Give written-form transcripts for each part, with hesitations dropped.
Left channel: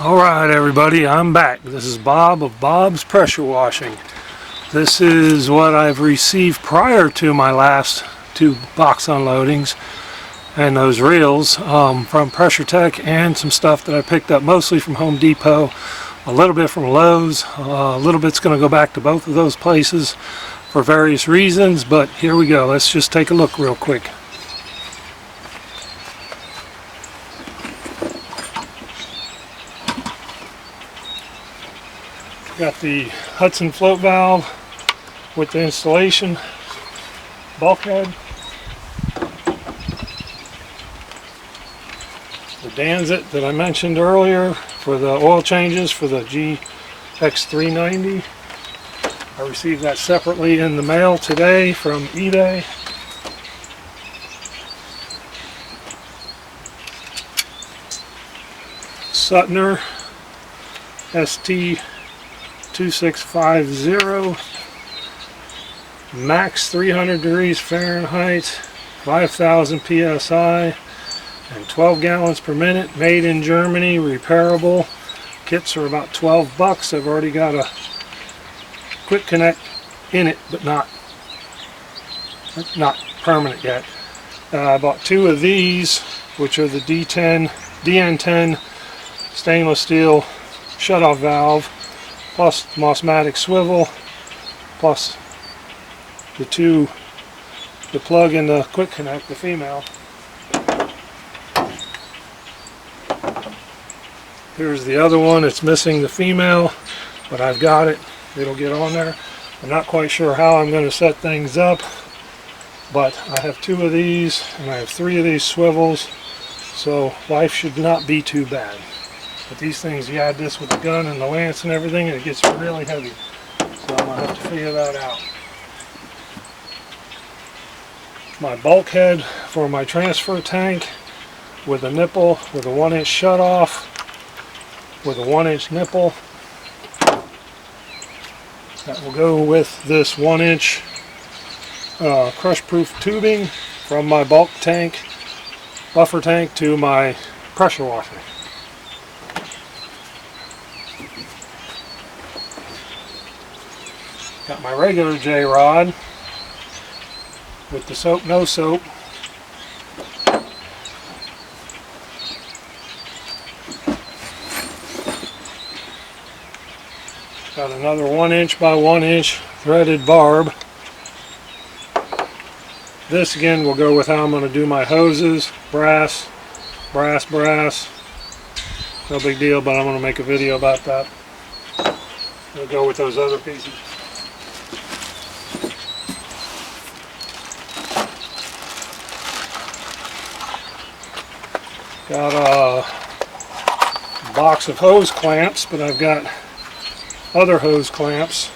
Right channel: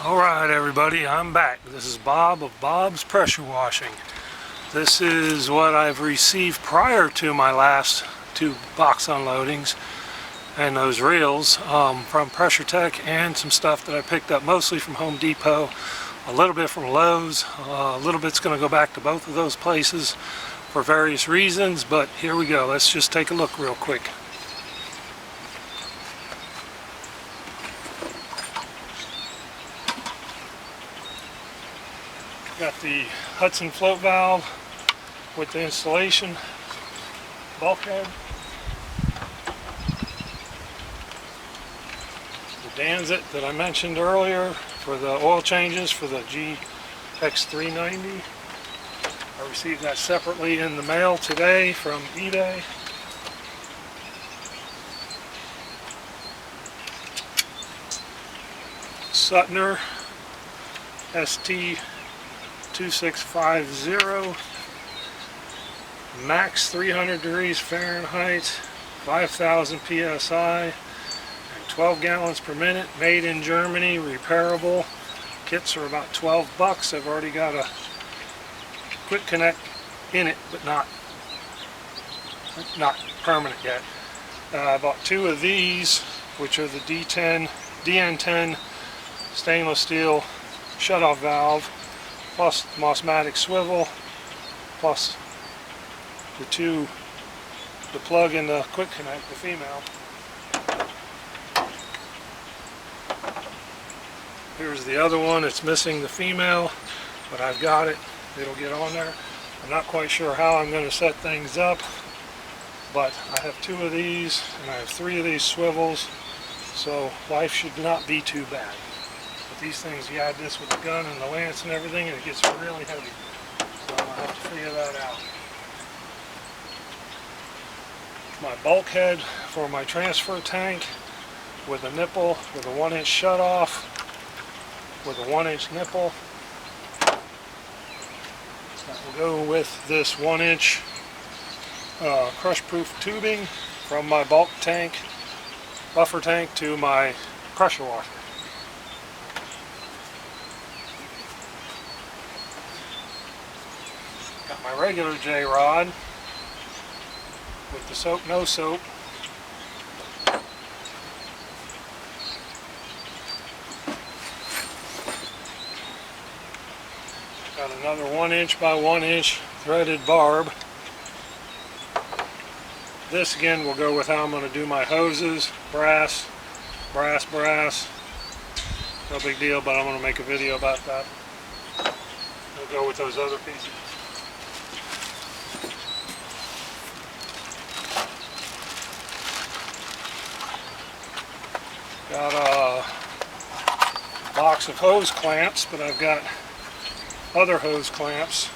Alright everybody, I'm back. This is Bob of Bob's Pressure Washing. This is what I've received prior to my last two box unloadings and those reels from PressureTek, and some stuff that I picked up mostly from Home Depot, a little bit from Lowe's, a little bit's going to go back to both of those places for various reasons, but here we go. Let's just take a look real quick. Got the Hudson float valve with the installation bulkhead, the Danzit that I mentioned earlier for the oil changes for the GX390. I received that separately in the mail today from eBay. Suttner ST2650, max 300 degrees Fahrenheit, 5,000 psi, and 12 gallons per minute, made in Germany, repairable. Kits are about 12 bucks. I've already got a quick connect in it, but not permanent yet. I bought two of these, which are the DN10 stainless steel shutoff valve, plus the Mossmatic swivel, plus the plug and the quick connect, the female. Here's the other one. It's missing the female, but I've got it. It'll get on there. I'm not quite sure how I'm going to set things up, but I have two of these and I have three of these swivels, so life should not be too bad. But these things, you add this with the gun and the lance and everything, and it gets really heavy. So I'm going to have to figure that out. My bulkhead for my transfer tank with a nipple, with a 1-inch shutoff, with a 1-inch nipple. That will go with this 1-inch crush-proof tubing from my bulk tank, buffer tank, to my pressure washer. Got my regular J-rod with the soap, no soap. Got another 1-inch by 1-inch threaded barb. This again will go with how I'm going to do my hoses. Brass. No big deal, but I'm going to make a video about that. It'll go with those other pieces. Got a box of hose clamps, but I've got other hose clamps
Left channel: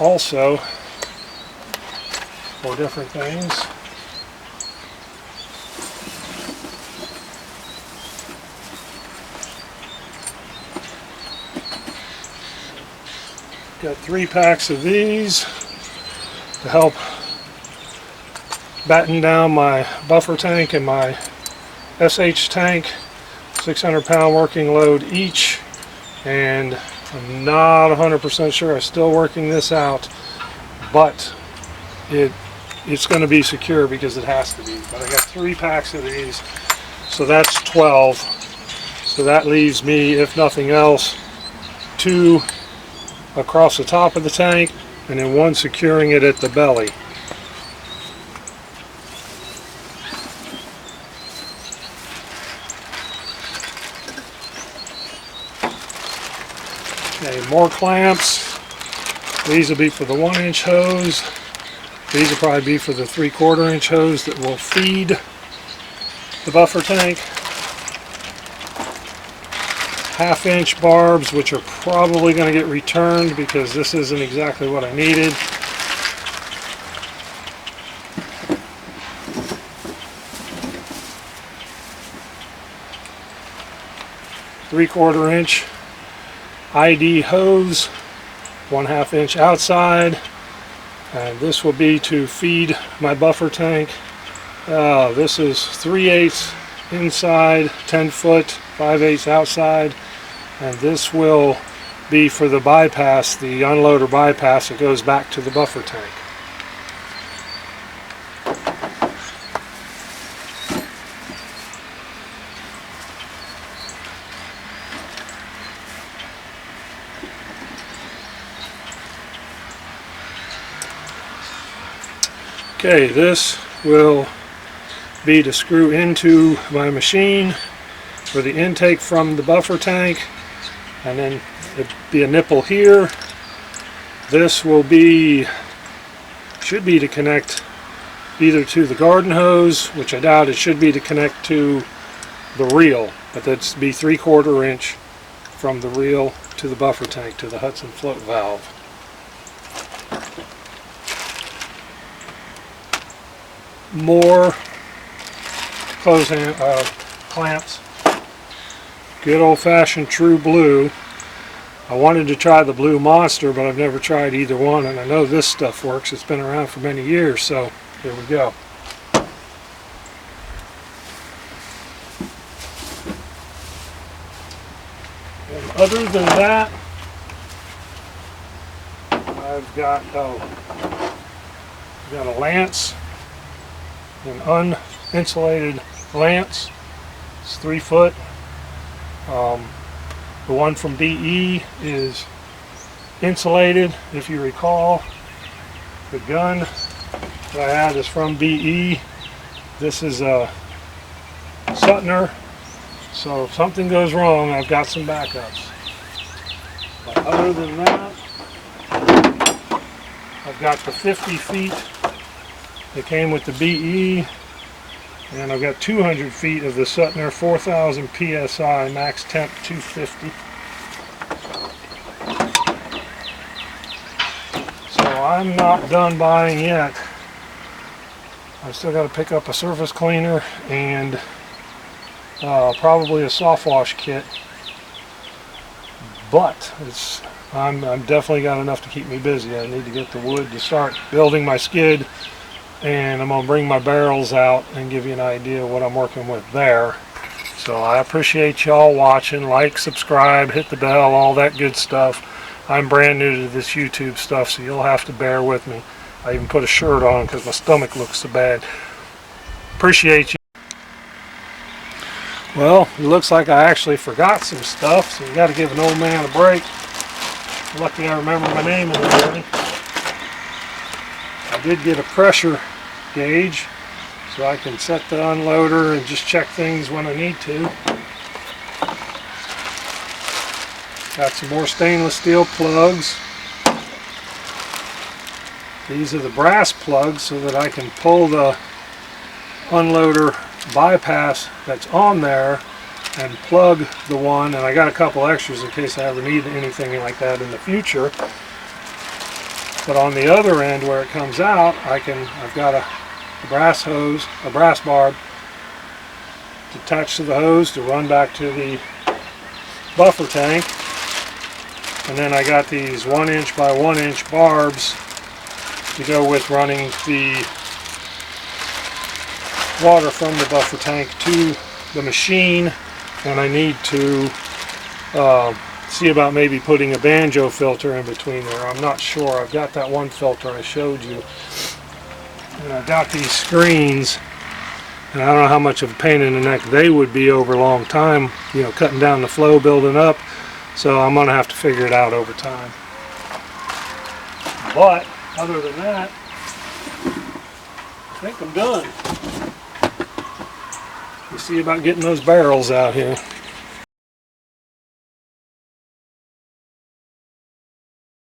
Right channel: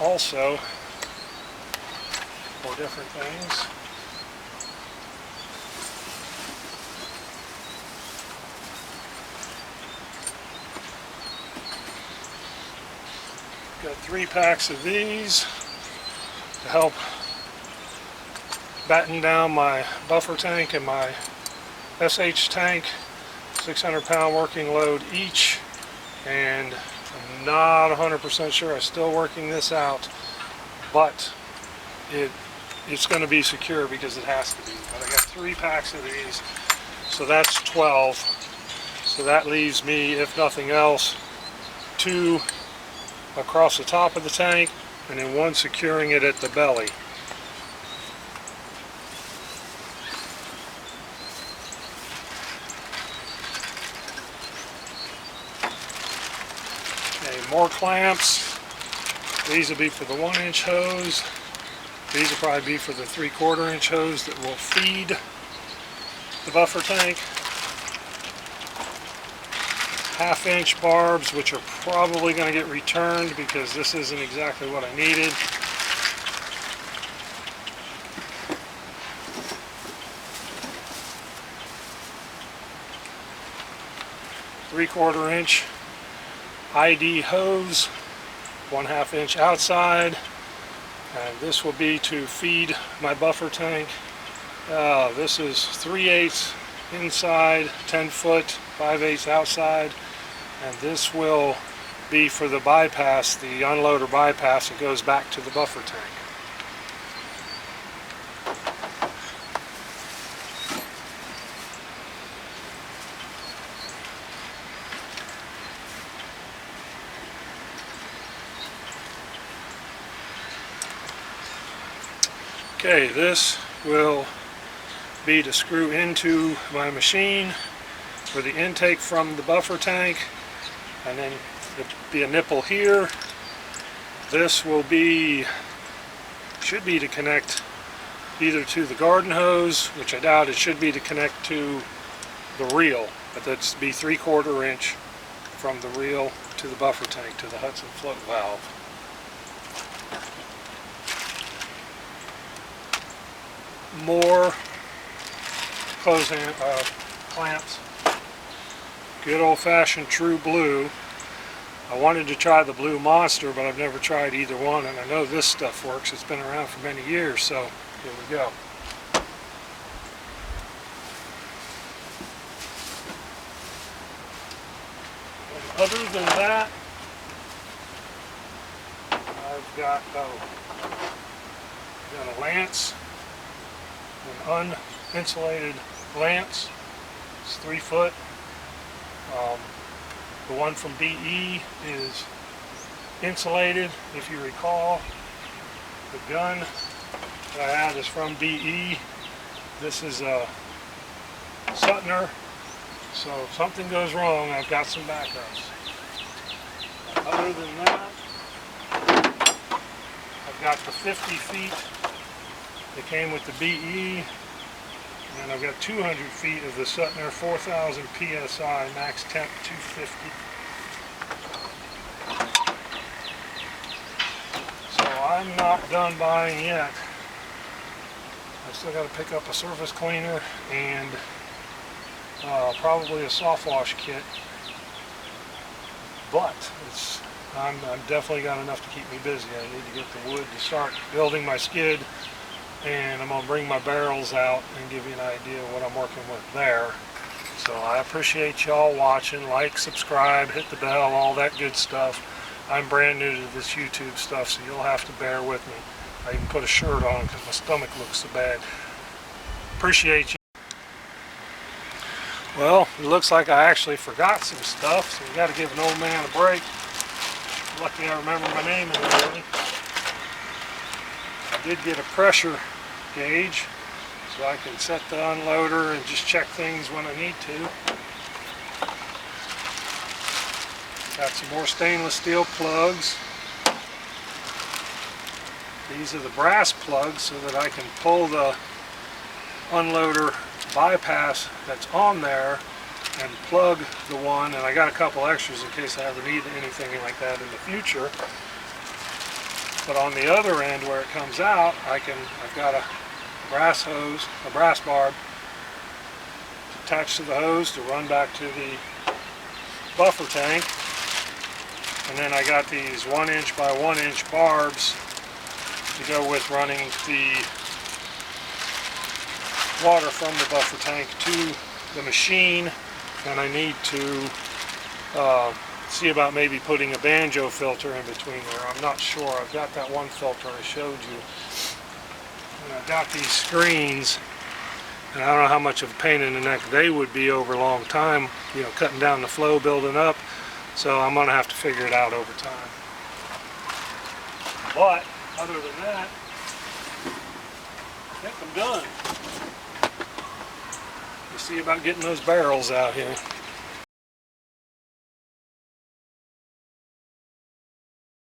also for different things. Got 3 packs of these to help batten down my buffer tank and my SH tank, 600-pound working load each, and I'm not 100% sure. I'm still working this out, but it's going to be secure because it has to be. But I got 3 packs of these, so that's 12. So that leaves me, if nothing else, 2 across the top of the tank, and then 1 securing it at the belly. Okay, more clamps. These will be for the 1-inch hose. These will probably be for the 3/4-inch hose that will feed the buffer tank. 1/2-inch barbs, which are probably going to get returned because this isn't exactly what I needed. Three-quarter-inch ID hose, 1/2-inch outside, and this will be to feed my buffer tank. This is 3/8 inside, 10 foot 5/8 outside, and this will be for the bypass, the unloader bypass that goes back to the buffer tank. Okay, this will be to screw into my machine for the intake from the buffer tank, and then there'll be a nipple here. This will be, should be to connect either to the garden hose, which I doubt. It should be to connect to the reel, but that's be 3/4 inch from the reel to the buffer tank to the Hudson float valve. More clamps. Good old-fashioned true blue. I wanted to try the Blue Monster, but I've never tried either one, and I know this stuff works. It's been around for many years, so here we go. And other than that, I've got a lance, an uninsulated lance. It's 3 foot. The one from BE is insulated. If you recall, the gun that I had is from BE. This is a Sutner, so if something goes wrong, I've got some backups. But other than that, I've got the 50 feet that came with the BE, and I've got 200 feet of the Sutner 4000 PSI max temp 250. So I'm not done buying yet. I've still got to pick up a surface cleaner and probably a soft wash kit. But I'm definitely got enough to keep me busy. I need to get the wood to start building my skid, and I'm going to bring my barrels out and give you an idea of what I'm working with there. So I appreciate y'all watching. Like, subscribe, hit the bell, all that good stuff. I'm brand new to this YouTube stuff, so you'll have to bear with me. I even put a shirt on because my stomach looks so bad. Appreciate you. Well, it looks like I actually forgot some stuff, so you got to give an old man a break. Lucky I remember my name in there already. I did get a pressure gauge, so I can set the unloader and just check things when I need to. Got some more stainless steel plugs. These are the brass plugs so that I can pull the unloader bypass that's on there and plug the one, and I got a couple extras in case I ever need anything like that in the future. But on the other end where it comes out, I've got a brass hose, a brass barb attached to the hose to run back to the buffer tank. And then I got these 1 inch by 1 inch barbs to go with running the water from the buffer tank to the machine. And I need to see about maybe putting a banjo filter in between there. I'm not sure. I've got that one filter I showed you, and I've got these screens, and I don't know how much of a pain in the neck they would be over a long time, you know, cutting down the flow, building up. So I'm going to have to figure it out over time. But other than that, I think I'm done. You see about getting those barrels out here.